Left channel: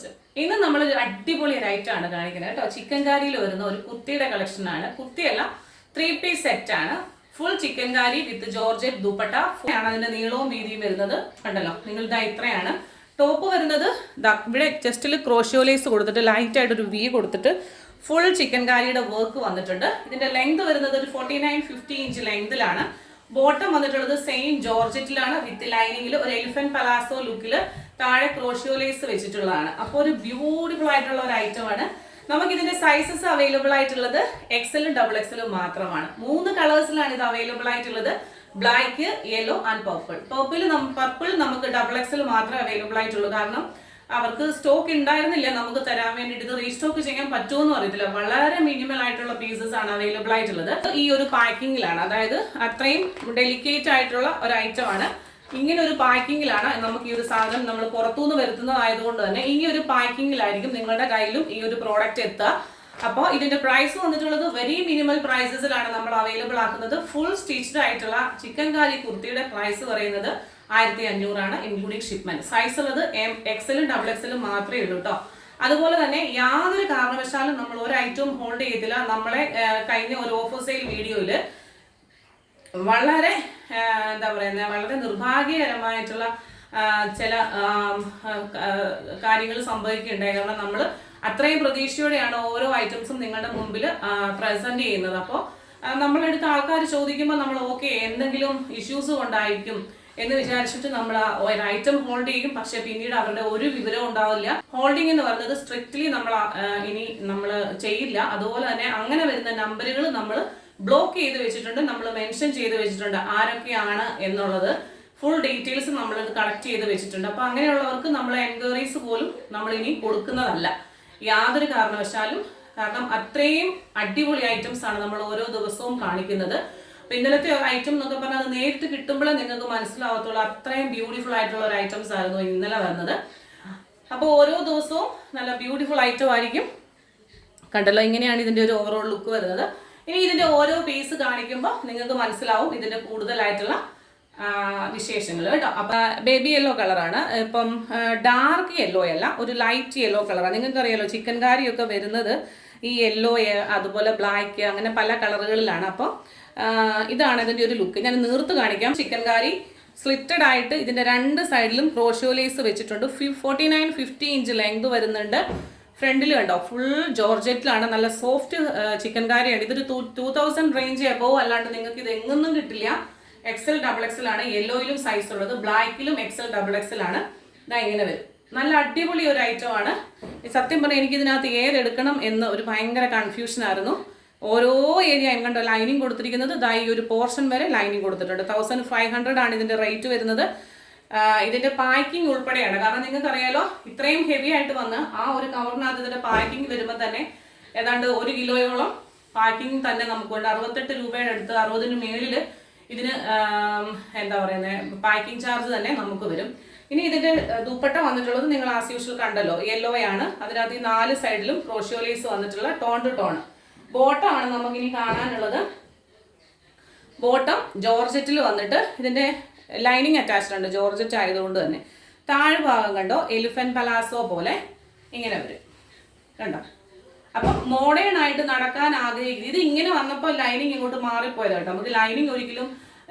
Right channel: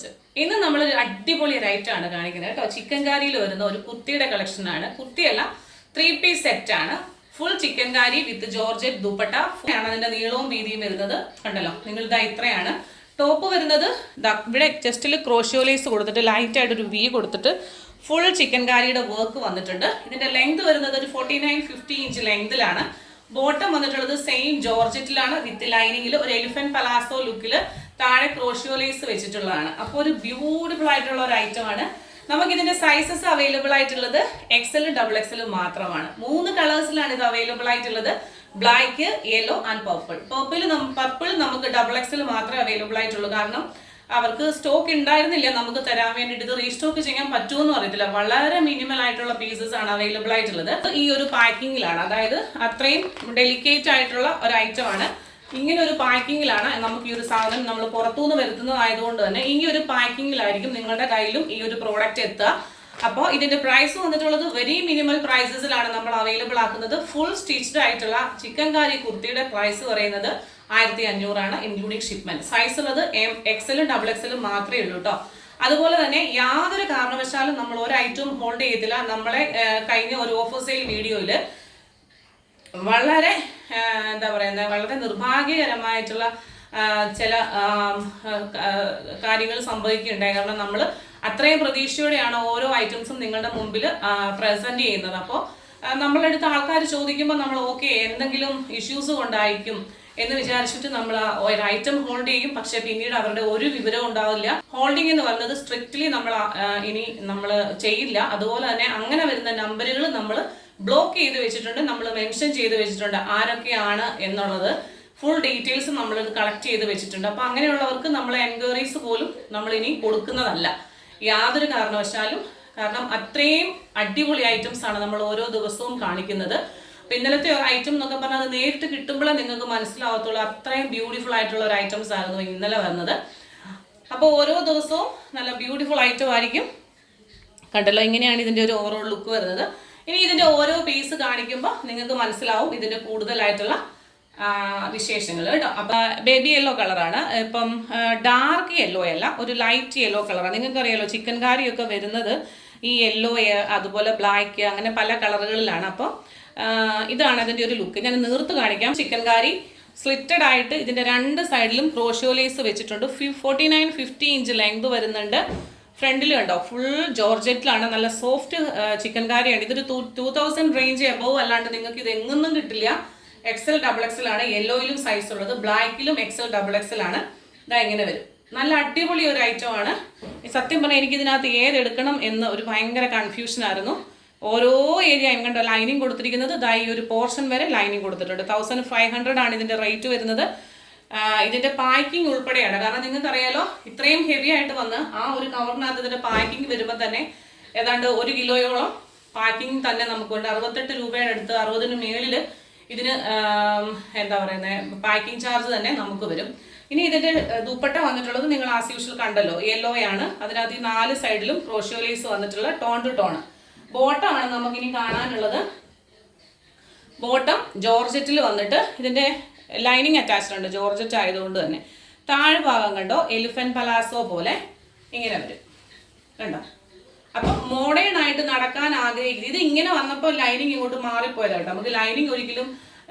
കൊച്ച്. ഇന്ന് നമ്മൾ ഒരു അടിപൊളി റൈറ്റ് ആണ് കാണിക്കുന്നത് കേട്ടോ. ചിക്കൻ കാരിയിൽ വരുന്ന ഒരു കുർത്തിയുടെ കളക്ഷൻ ആണ്. കുർത്തിയല്ല, 3 പീസ് സെറ്റ് ആണ്. ഫുൾ ചിക്കൻ കാരി വിത്ത് ജോർജറ്റ് ദുപ്പട്ട ആണ്. അതിന്റെ നീളവും വീതിയും വരുന്നത് കണ്ടല്ലോ, നിങ്ങൾ ഇതാ ഇത്രയാണ്. ടോപ്പ് വരുന്നത് ഇവിടെ ചെസ്റ്റിൽ ക്രോഷ്യോലേസ് കൊടുത്തിട്ട് ലൈറ്റ് ആയിട്ടൊരു വി കൊടുത്തിട്ട് ഫുൾ ചിക്കൻ കാരിയുടെ വർക്ക് വന്നിട്ടുണ്ട്. ഇതിന്റെ ലെങ്ത് വരുന്നത് ഒരു 49-50 ഇഞ്ച് ലെങ്തിലാണ്. ബോട്ടം വന്നിട്ടുള്ളത് സെയിം ജോർജറ്റിലാണ് വിത്ത് ലൈനിങ്ങിൽ ഒരു എലിഫന്റ് പലാസോ ലുക്കിൽ താഴെ ക്രോഷ്യോലേസ് വെച്ചിട്ടുള്ളതാണ്. അപ്പോൾ ഒരു ബ്യൂട്ടിഫുൾ ആയിട്ടുള്ള ഒരു ഐറ്റം ആണ്. നമുക്ക് ഇതിന്റെ സൈസസ് അവൈലബിൾ ആയിട്ടുള്ളത് എക്സലും XXL മാത്രമാണ്. 3 കളേഴ്സിലാണ് ഇത് അവൈലബിൾ ആയിട്ടുള്ളത്. Black, yellow and purple. Purple നമുക്ക് XXL മാത്രമേ അവൈലബിൾ ആയിട്ടുള്ളൂ. കാരണം അവർക്ക് സ്റ്റോക്ക് ഉണ്ടായിരുന്നില്ല നമുക്ക് തരാൻ വേണ്ടിയിട്ട്. ഇത് റീസ്റ്റോക്ക് ചെയ്യാൻ പറ്റുമെന്നും അറിയത്തില്ല. വളരെ മിനിമൽ ആയിട്ടുള്ള പീസസ് ആണ് അവൈലബിൾ ആയിട്ടുള്ളത്. ഈ ഒരു പാക്കിങ്ങിലാണ്, അതായത് അത്രയും ഡെലിക്കേറ്റ് ആയിട്ടുള്ള ഒരു ഐറ്റം ആണ്. ഇങ്ങനെ ഒരു പാക്കിങ്ങിലാണ് നമുക്ക് ഈ ഒരു സാധനം നമ്മൾ പുറത്തുനിന്ന് വരുത്തുന്നതായതുകൊണ്ട് തന്നെ ഈ ഒരു പാക്കിങ്ങിലായിരിക്കും നിങ്ങളുടെ കയ്യിലും ഈ ഒരു പ്രോഡക്റ്റ് എത്തുക. അപ്പോൾ ഇതിന്റെ പ്രൈസ് വന്നിട്ടുള്ളത് വെരി മിനിമൽ പ്രൈസസിലാണ് നമ്മൾ അവൈലബിൾ ആക്കുന്നത്. ഫുൾ സ്റ്റിച്ച്ഡ് ആയിട്ടുള്ള ചിക്കൻ കാരി കുർത്തിയുടെ പ്രൈസ് പറയുന്നത് 1500 ആണ്, ഇൻക്ലൂഡിങ് ഷിപ്മെന്റ്. സൈസ് ഉള്ളത് XXL XXL മാത്രമേ ഉള്ളൂ കേട്ടോ. അതുപോലെ തന്നെ യാതൊരു കാരണവശാലും നമ്മൾ ഒരു ഐറ്റവും ഹോൾഡ് ചെയ്യത്തില്ല. നമ്മളെ കഴിഞ്ഞ ഒരു ഓഫർ സെയിൽ വീഡിയോയിൽ വളരെ എന്താ പറയുന്നത്, വളരെ നിർഭാഗ്യകരമായിട്ടുള്ള ചില കാര്യങ്ങൾ സംഭവിക്കുകയുണ്ടായി. കാരണം നമ്മൾ അത്രയും പ്രതീക്ഷയോടെയാണ് ഓരോ ഐറ്റംസും നിങ്ങളുടെ മുമ്പിൽ പ്രസന്റ് ചെയ്യുന്നത്. അപ്പോൾ നമ്മളെടുത്ത് ആൾക്കാർ ചോദിക്കുമ്പോൾ നമ്മൾ ഓക്കെ എന്തെങ്കിലും ഇഷ്യൂസ് കൊണ്ടായിരിക്കും എന്ന് വിചാരിച്ചിട്ട് നമ്മൾ ഒരു ഐറ്റം ഹോൾഡ് ചെയ്യും. പക്ഷെ പിന്നീട് അവരുടെ ഒരു വിവരവും ഉണ്ടാവില്ല. ഹോൾഡിംഗ് എന്ന് പറയുന്നത് സ്ട്രിക്ട്ലി ഇനി നമ്മൾ ചെയ്യില്ല. അതുപോലെ തന്നെ അങ്ങനെ വരുന്ന നമ്പറുകൾ നമ്മൾ ബ്ലോക്ക് ചെയ്ത് വെച്ചിട്ടുണ്ട്, നമ്മൾ മെൻഷൻ ചെയ്ത് വെച്ചിട്ടുണ്ട് ആരൊക്കെയാണ് എന്നുള്ളത്. ഫുൾ ഡീറ്റെയിൽസ് നമ്മൾ കളക്ട് ചെയ്ത് വെച്ചിട്ടുണ്ട്. അപ്പോൾ അങ്ങനെയുള്ളവർക്ക് നമ്മളെ എൻക്വയറീസ് പോലും നമ്മൾ ഇനി കൊടുക്കുന്നതല്ല യാതൊരു കാരണവശാലും. കാരണം അത്രയും അടിപൊളി ഐറ്റംസ് ആണ് നമ്മൾ ഓരോ ദിവസവും കാണിക്കുന്നത്. അപ്പോൾ ഇന്നലത്തെ ഐറ്റം എന്നൊക്കെ പറഞ്ഞാൽ അത് നേരിട്ട് കിട്ടുമ്പോഴേ നിങ്ങൾക്ക് മനസ്സിലാവത്തുള്ളൂ. അത്രയും ബ്യൂട്ടിഫുൾ ആയിട്ടുള്ള ഒരു ഐറ്റംസ് ആയിരുന്നു ഇന്നലെ വന്നത്. അപ്പോൾ ഓരോ ദിവസവും നല്ല ബ്യൂട്ടിഫുൾ ഐറ്റം ആയിരിക്കും. കണ്ടല്ലോ, ഇങ്ങനെയാണ് ഇതിൻ്റെ ഒരു ഓവറോൾ ലുക്ക് വരുന്നത്. ഇനി ഇതിന്റെ ഓരോ പീസ് കാണിക്കുമ്പോൾ നിങ്ങൾക്ക് മനസ്സിലാവും ഇതിന്റെ കൂടുതലായിട്ടുള്ള വിശേഷങ്ങൾ കേട്ടോ. അപ്പൊ ബേബി യെല്ലോ കളറാണ്. ഇപ്പം ഡാർക്ക് യെല്ലോ അല്ല, ഒരു ലൈറ്റ് യെല്ലോ കളറാണ്. നിങ്ങൾക്കറിയാലോ ചിക്കൻ കാരിയൊക്കെ വരുന്നത് ഈ യെല്ലോ, അതുപോലെ ബ്ലാക്ക്, അങ്ങനെ പല കളറുകളിലാണ്. അപ്പോൾ ഇതാണ് ഇതിന്റെ ഒരു ലുക്ക്. ഞാൻ നീർത്ത് കാണിക്കാം. ചിക്കൻ കാരി സ്ലിറ്റഡ് ആയിട്ട് ഇതിന്റെ 2 സൈഡിലും ക്രോഷ്യോലേസ് വെച്ചിട്ടുണ്ട്. 49-50 ഇഞ്ച് ലെങ്ത് വരുന്നുണ്ട്. ഫ്രണ്ടിൽ കണ്ടോ, ഫുൾ ജോർജറ്റിലാണ്. നല്ല സോഫ്റ്റ് ചിക്കൻ കാരിയാണ്. ഇതൊരു 2000 റേഞ്ച് എബോവ് അല്ലാണ്ട് നിങ്ങൾക്ക് ഇത് എങ്ങൊന്നും കിട്ടില്ല. XL XXL ആണ്. യെല്ലോയിലും സൈസ് ഉള്ളത്, ബ്ലാക്കിലും XL XXL ആണ്. ഇതാ ഇങ്ങനെ വരും. നല്ല അടിപൊളി ഒരു ഐറ്റം ആണ്. സത്യം പറഞ്ഞാൽ എനിക്ക് ഇതിനകത്ത് ഏതെടുക്കണം എന്ന് ഒരു ഭയങ്കര കൺഫ്യൂഷൻ ആയിരുന്നു. ഓരോ ഏരിയ കണ്ടോ ലൈനിങ് കൊടുത്തിരിക്കുന്നത്. ഇതാ ഈ ഒരു പോർഷൻ വരെ ലൈനിങ് കൊടുത്തിട്ടുണ്ട്. 1500 ആണ് ഇതിന്റെ റേറ്റ് വരുന്നത്. ഇതിന്റെ പാക്കിംഗ് ഉൾപ്പെടെയാണ്. കാരണം നിങ്ങൾക്ക് അറിയാലോ ഇത്രയും ഹെവി ആയിട്ട് വന്ന് ആ ഒരു കവറിനകത്ത് ഇതിന്റെ പാക്കിംഗ് വരുമ്പോൾ തന്നെ ഏതാണ്ട് 1 കിലോയോളം പാക്കിംഗ് തന്നെ നമുക്ക് ഉണ്ട്. 68 രൂപയുടെ അടുത്ത്, 60-ന് മേളിൽ ഇതിന് എന്താ പറയുന്നത് പാക്കിംഗ് ചാർജ് തന്നെ നമുക്ക് വരും. ഇനി ഇതിന്റെ ദുപ്പട്ട വന്നിട്ടുള്ളത് നിങ്ങൾ ആസ് യൂഷ്വൽ കണ്ടല്ലോ, യെല്ലോ ആണ്. അതിനകത്ത് ഈ 4 സൈഡിലും ക്രോഷ്യോലേസ് വന്നിട്ടുള്ള ടോൺ ടു ടോൺ. ബോട്ടം ആണ് നമുക്കിനി കാണാനുള്ളത്. ബോട്ടം ജോർജറ്റിൽ വന്നിട്ട് ഇതിന്റെ ലൈനിങ് അറ്റാച്ച്ഡ് ഉണ്ട്, ജോർജറ്റ് ആയതുകൊണ്ട് തന്നെ. താഴെ ഭാഗം കണ്ടോ എലിഫന്റ് പലാസോ പോലെ ഇങ്ങനെ വരും കണ്ടോ. അപ്പം മോഡേൺ ആയിട്ട് നടക്കാൻ ആഗ്രഹിക്കുന്നത്. ഇത് ഇങ്ങനെ വന്നപ്പോൾ ലൈനിങ് ഇങ്ങോട്ട് മാറിപ്പോയതാട്ടോ. നമുക്ക് ലൈനിങ് ഒരിക്കലും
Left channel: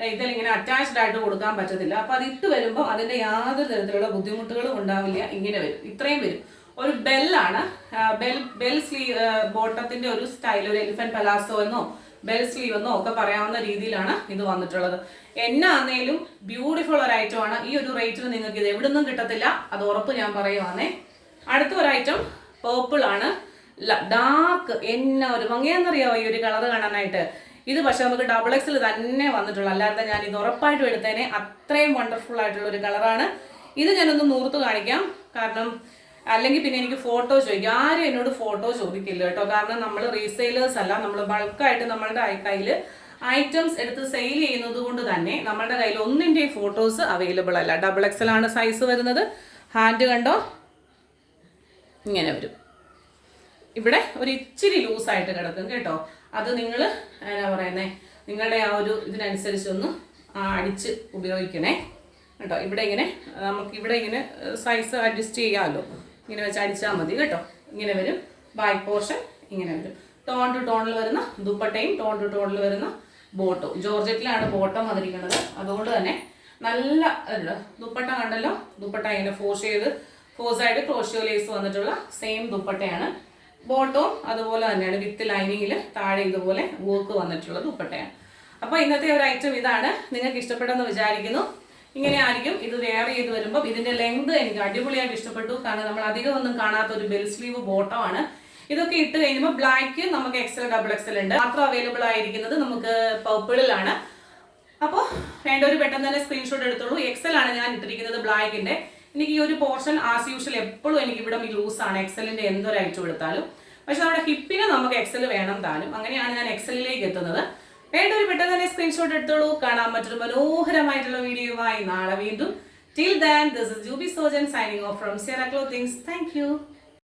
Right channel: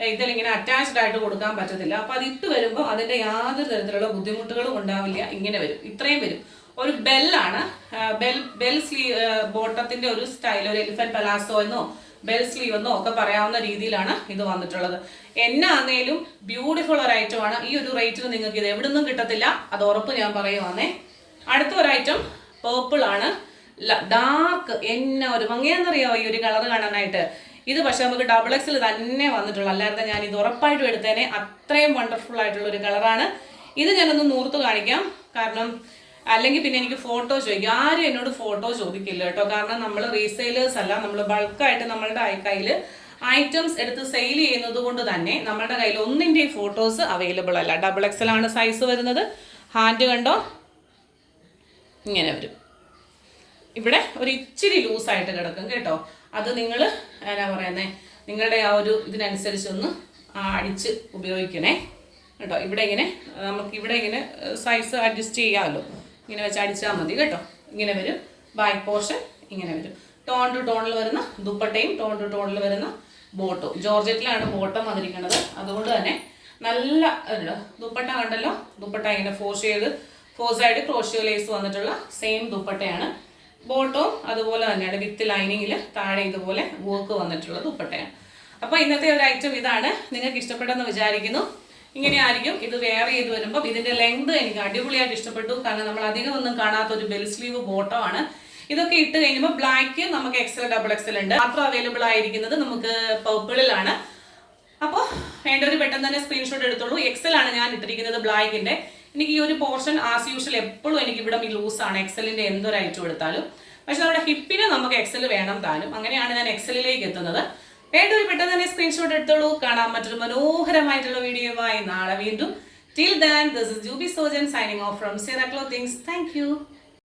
ഇതിലിങ്ങനെ അറ്റാച്ച്ഡ് ആയിട്ട് കൊടുക്കാൻ പറ്റത്തില്ല. അപ്പം അത് ഇട്ട് വരുമ്പോൾ അതിൻ്റെ യാതൊരു തരത്തിലുള്ള ബുദ്ധിമുട്ടുകളും ഉണ്ടാവില്ല. ഇങ്ങനെ വരും, ഇത്രയും വരും. ഒരു ബെല്ലാണ്, ബെൽ സ്ലീവ് ബോട്ടത്തിന്റെ ഒരു സ്റ്റൈൽ, ഒരു എലിഫന്റ് പലാസോ എന്നോ ബെൽ സ്ലീവ് എന്നോ ഒക്കെ പറയാവുന്ന രീതിയിലാണ് ഇത് വന്നിട്ടുള്ളത്. എന്നാന്നേലും ബ്യൂട്ടിഫുൾ ഒരു ഐറ്റം ആണ്. ഈ ഒരു റേറ്റിന് നിങ്ങൾക്ക് ഇത് എവിടുന്നും കിട്ടത്തില്ല, അത് ഉറപ്പ് ഞാൻ പറയുവാന്നേ. അടുത്ത ഒരു ഐറ്റം പേർപ്പിൾ ആണ്. ഡാർക്ക്, എന്നാ ഒരു ഭംഗിയാന്നറിയാമോ ഈ ഒരു കളർ കാണാനായിട്ട്. ഇത് പക്ഷെ നമുക്ക് XXL തന്നെ വന്നിട്ടുള്ളൂ, അല്ലാതെ ഞാൻ ഇത് ഉറപ്പായിട്ടും എടുത്തേനെ. അത്രയും വണ്ടർഫുൾ ആയിട്ടുള്ള ഒരു കളറാണ് ഇത്. ഞാനൊന്ന് നൂർത്ത് കാണിക്കാം, കാരണം അല്ലെങ്കിൽ പിന്നെ എനിക്ക് ഫോട്ടോ ചോദിക്കും. ആരും എന്നോട് ഫോട്ടോ ചോദിക്കില്ല കേട്ടോ. കാരണം നമ്മൾ റീസെയിലേഴ്സ് അല്ല, നമ്മൾ ബൾക്കായിട്ട് നമ്മളുടെ കയ്യിൽ ഐറ്റംസ് എടുത്ത് സെയിൽ ചെയ്യുന്നത് കൊണ്ട് തന്നെ നമ്മളുടെ കയ്യിൽ ഒന്നിൻ്റെയും ഫോട്ടോസ് അവൈലബിൾ അല്ല. XXL ആണ് സൈസ് വരുന്നത്. ഹാൻഡ് കണ്ടോ ഇങ്ങനെ വരും. ഇവിടെ ഒരു ഇച്ചിരി ലൂസായിട്ട് കിടക്കും കേട്ടോ. അത് നിങ്ങൾ എന്നാ പറയുന്നത്, നിങ്ങളുടെ ആ ഒരു ഇതിനനുസരിച്ചൊന്ന് അടിച്ച് ഉപയോഗിക്കണേ കേട്ടോ. ഇവിടെ ഇങ്ങനെ നമുക്ക് ഇവിടെ ഇങ്ങനെ സൈസ് അഡ്ജസ്റ്റ് ചെയ്യാമല്ലോ. ഇങ്ങനെ വെച്ച് അടിച്ചാൽ മതി കേട്ടോ. ഇങ്ങനെ വരും ബാക്ക് പോർഷൻ, ഇങ്ങനെ വരും. ടോൺ ടു ടോണിൽ വരുന്ന ദുപ്പട്ടയും ടോൺ ടു ടോണിൽ വരുന്ന ബോട്ടും. ജോർജറ്റിലാണ് ബോട്ടം വന്നിരിക്കുന്നത്. അതുകൊണ്ട് തന്നെ നല്ല ദുപ്പട്ട കണ്ടല്ലോ. ദുപ്പട്ട ഇങ്ങനെ ഫോർ സൈഡ് ക്രോഷ്യോ ലേസ് വന്നിട്ടുള്ള സെയിം ദുപ്പട്ടയാണ്. ബോട്ടവും അതുപോലെ തന്നെയാണ്, വിത്ത് ലൈനിങ്ങിൽ താഴെ ഇതുപോലെ വർക്ക് വന്നിട്ടുള്ള ദുപ്പട്ടയാണ്. അപ്പോൾ ഇന്നത്തെ ഒരു ഐറ്റം ഇതാണ്. നിങ്ങൾക്ക് ഇഷ്ടപ്പെട്ടെന്ന് വിചാരിക്കുന്നു. ഇങ്ങനെയായിരിക്കും ഇത് വെയർ ചെയ്ത് വരുമ്പോൾ. ഇതിന്റെ ലെങ്ത് എനിക്ക് അടിപൊളിയായിട്ട് ഇഷ്ടപ്പെട്ടു. കാരണം നമ്മൾ അധികം ഒന്നും കാണാത്ത ഒരു ബെൽ സ്ലീവ് ബോട്ടമാണ്. ഇതൊക്കെ ഇട്ട് കഴിയുമ്പോൾ ബ്ലാക്ക് നമുക്ക് XL ഡബിൾ XL ഉണ്ട്. മാത്രം അവൈലബിൾ ആയിരിക്കുന്നത് നമുക്ക് പർപ്പിളിലാണ്. അപ്പോൾ വേണ്ടവർ പെട്ടെന്ന് തന്നെ സ്ക്രീൻഷോട്ട് എടുത്തോളൂ. XL ആണ് ഞാൻ ഇട്ടിരിക്കുന്നത് ബ്ലാക്കിന്റെ. എനിക്ക് ഈ ഒരു പോർഷൻ ആസ് യൂഷ്വൽ എപ്പോഴും എനിക്ക് ഇവിടെ ലൂസാണ് XLന്റെ എന്തൊരു ഐറ്റം എടുത്താലും. പക്ഷെ നമ്മുടെ ഹിപ്പിന് നമുക്ക് XL വേണം താനും. അങ്ങനെയാണ് ഞാൻ XLലേക്ക് എത്തുന്നത്. വേണ്ടവർ പെട്ടെന്ന് തന്നെ സ്ക്രീൻഷോട്ട് എടുത്തോളൂ. കാണാൻ മറ്റൊരു മനോഹരമായിട്ടുള്ള വീഡിയോയുമായി നാളെ വീണ്ടും. Till then, this is Juby Sojan signing off from Sierra Clothings. Thank you.